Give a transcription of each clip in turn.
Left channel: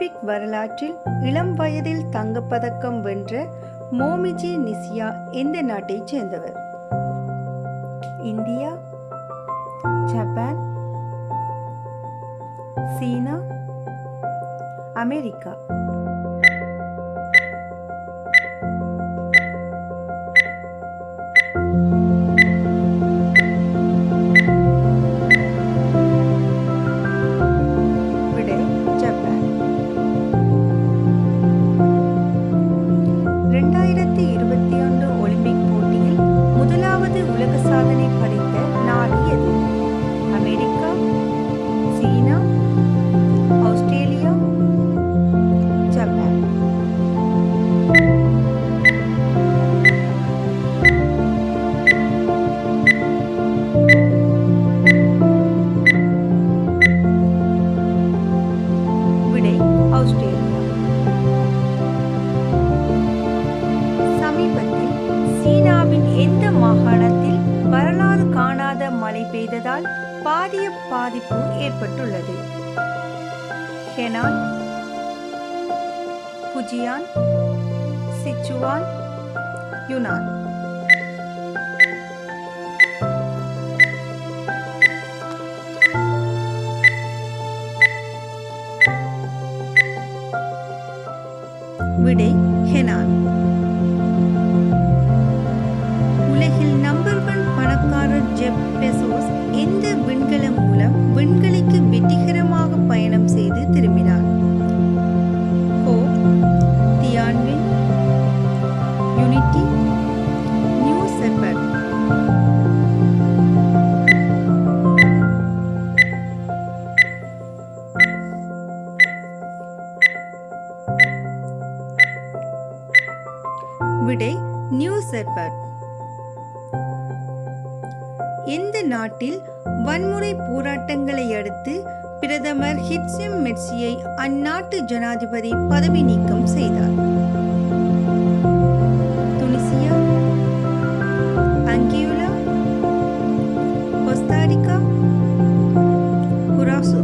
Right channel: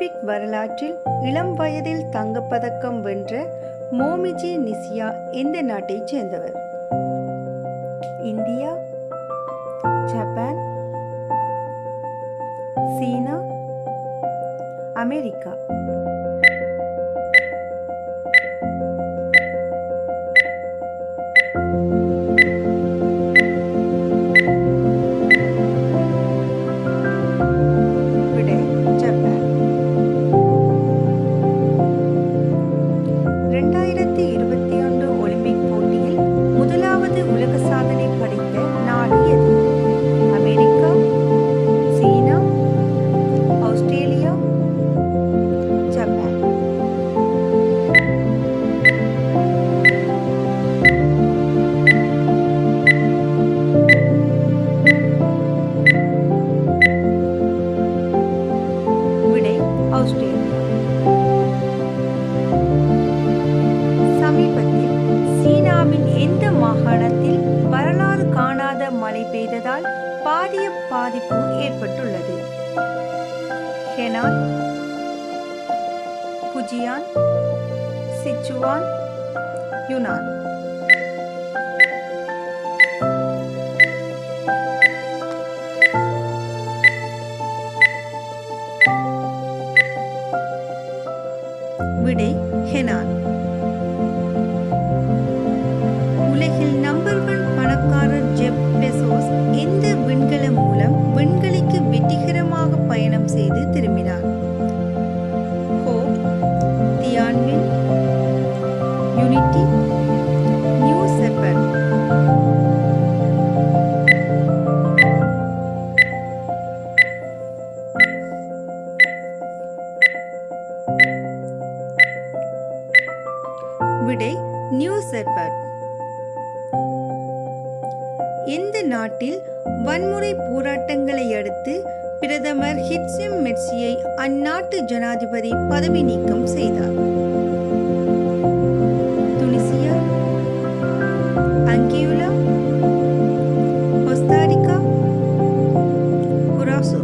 Olympic வரலாற்றில் இளம் வயதில் தங்கப்பதக்கம் வென்ற மோமிஜி நிசியா எந்த நாட்டைச் சேர்ந்தவர்? இந்தியா, ஜப்பான், சீனா, அமெரிக்கா. விடை ஜப்பான். 2021 ஒலிம்பிக் போட்டியில் முதலாவது உலக சாதனை படைத்த நாடு எது? அமெரிக்கா, சீனா, ஆஸ்திரேலியா, ஜப்பான். விடை ஆஸ்திரேலியா. சமீபத்தில் சீனாவின் எந்த மாகாணத்தில் வரலாறு காணாத மழை பெய்ததால் பாரிய பாதிப்பு ஏற்பட்டுள்ளது? Henan, Fujian, Sichuan, யுனான். விடை ஹெனான். உலகில் நம்பர் 1 பணக்காரர் ஜெப் பெசோஸ் எந்த விண்கலம் மூலம் விண்வெளிக்கு வெற்றிகரமாக பயணம் செய்து திரும்பினார்? Hope, Tianwen, Unity, New Shepard. விடை நியூ ஷெப்பர்ட். எந்த நாட்டில் வன்முறை போராட்டங்களை அடுத்து பிரதமர் ஹிட்சிம் மெர்சியை அந்நாட்டு ஜனாதிபதி பதவி நீக்கம் செய்தார்? Tunisia, Anguilla, Costa Rica, Curacao.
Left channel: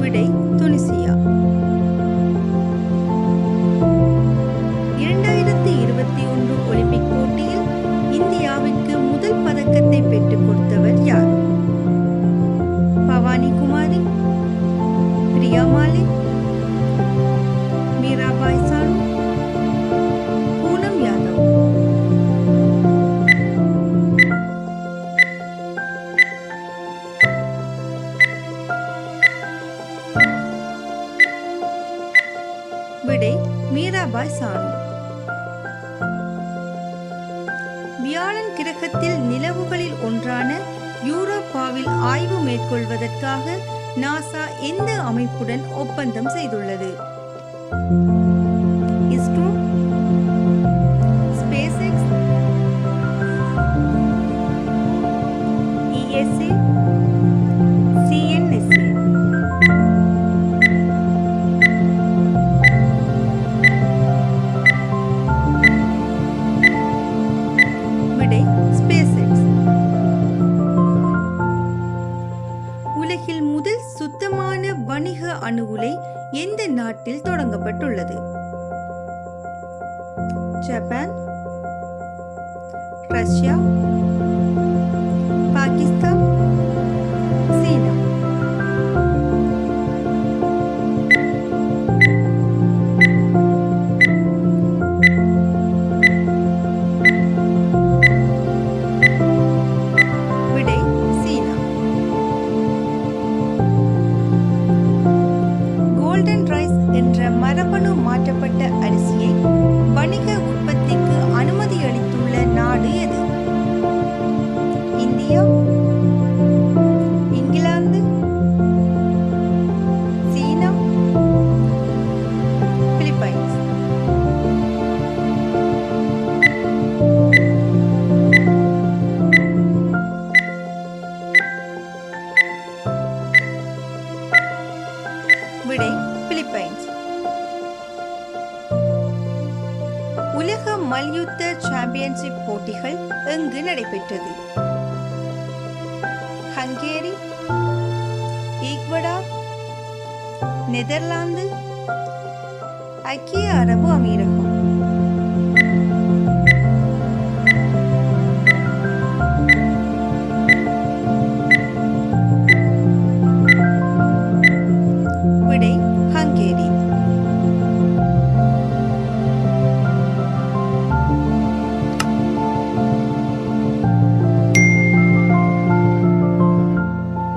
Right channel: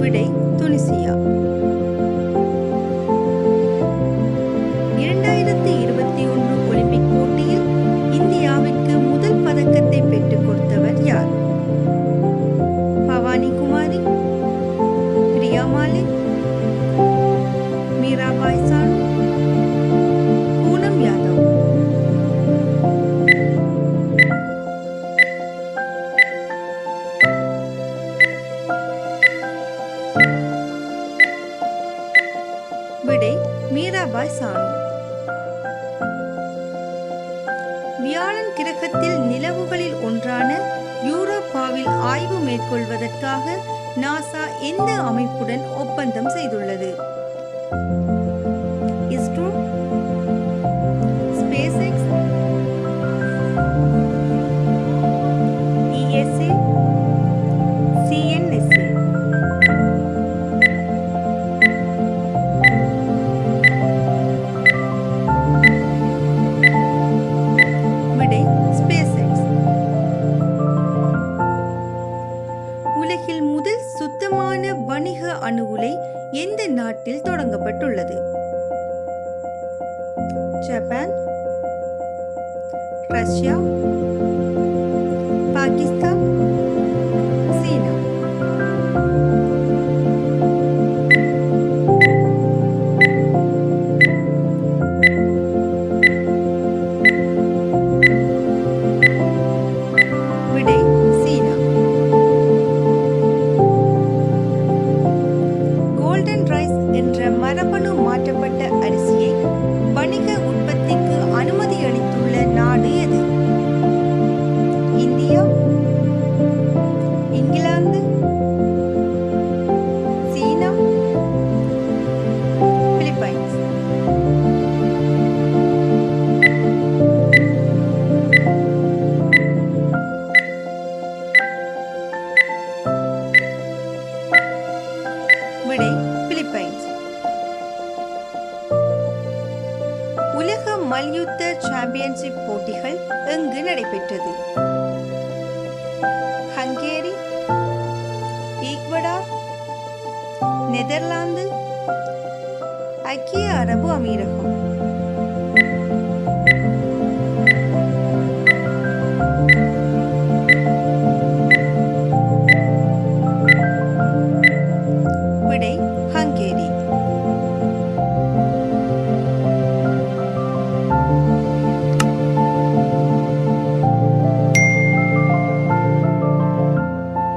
விடை துனிசியா. 2021 ஒலிம்பிக் போட்டியில் இந்தியாவிற்கு முதல் பதக்கத்தை பெற்றுக் கொடுத்தவர் யார்? பவானி குமாரி, பிரியா மாலிக், மீராபாய் சானு, பூனம் யாதவ். விடை மீராபாய் சானு. வியாழன் கிரகத்தில் நிலவுகளில் ஒன்றான யூரோப்பாவில் ஆய்வு மேற்கொள்வதற்காக நாசா எந்த அமைப்புடன் ஒப்பந்தம் செய்துள்ளது? ISRO, space X, ESA, CNSA. விடை ஸ்பேஸ் எக்ஸ். உலகில் முதல் சுத்தமான வணிக அணு உலை எந்த நாட்டில் தொடங்கப்பட்டுள்ளது? ஜப்பான், ரஷ்யா, பாகிஸ்தான், சீனா. விடை சீனா. கோல்டன் ரைஸ் என்ற மரபணு மாற்றப்பட்ட அரிசியை வணிக உற்பத்திக்கு அனுமதி அளித்துள்ள நாடு எது? இந்தியா, இங்கிலாந்து, சீனா, பிலிப்பைன்ஸ். விடை பிலிப்பைன்ஸ். உலக மல்யுத்த சாம்பியன்ஷிப் போட்டிகள் எங்கு நடைபெற்றது? ஹங்கேரி, ஈக்வடார், நெதர்லாந்து, ஐக்கிய அரபு அமீரகம்.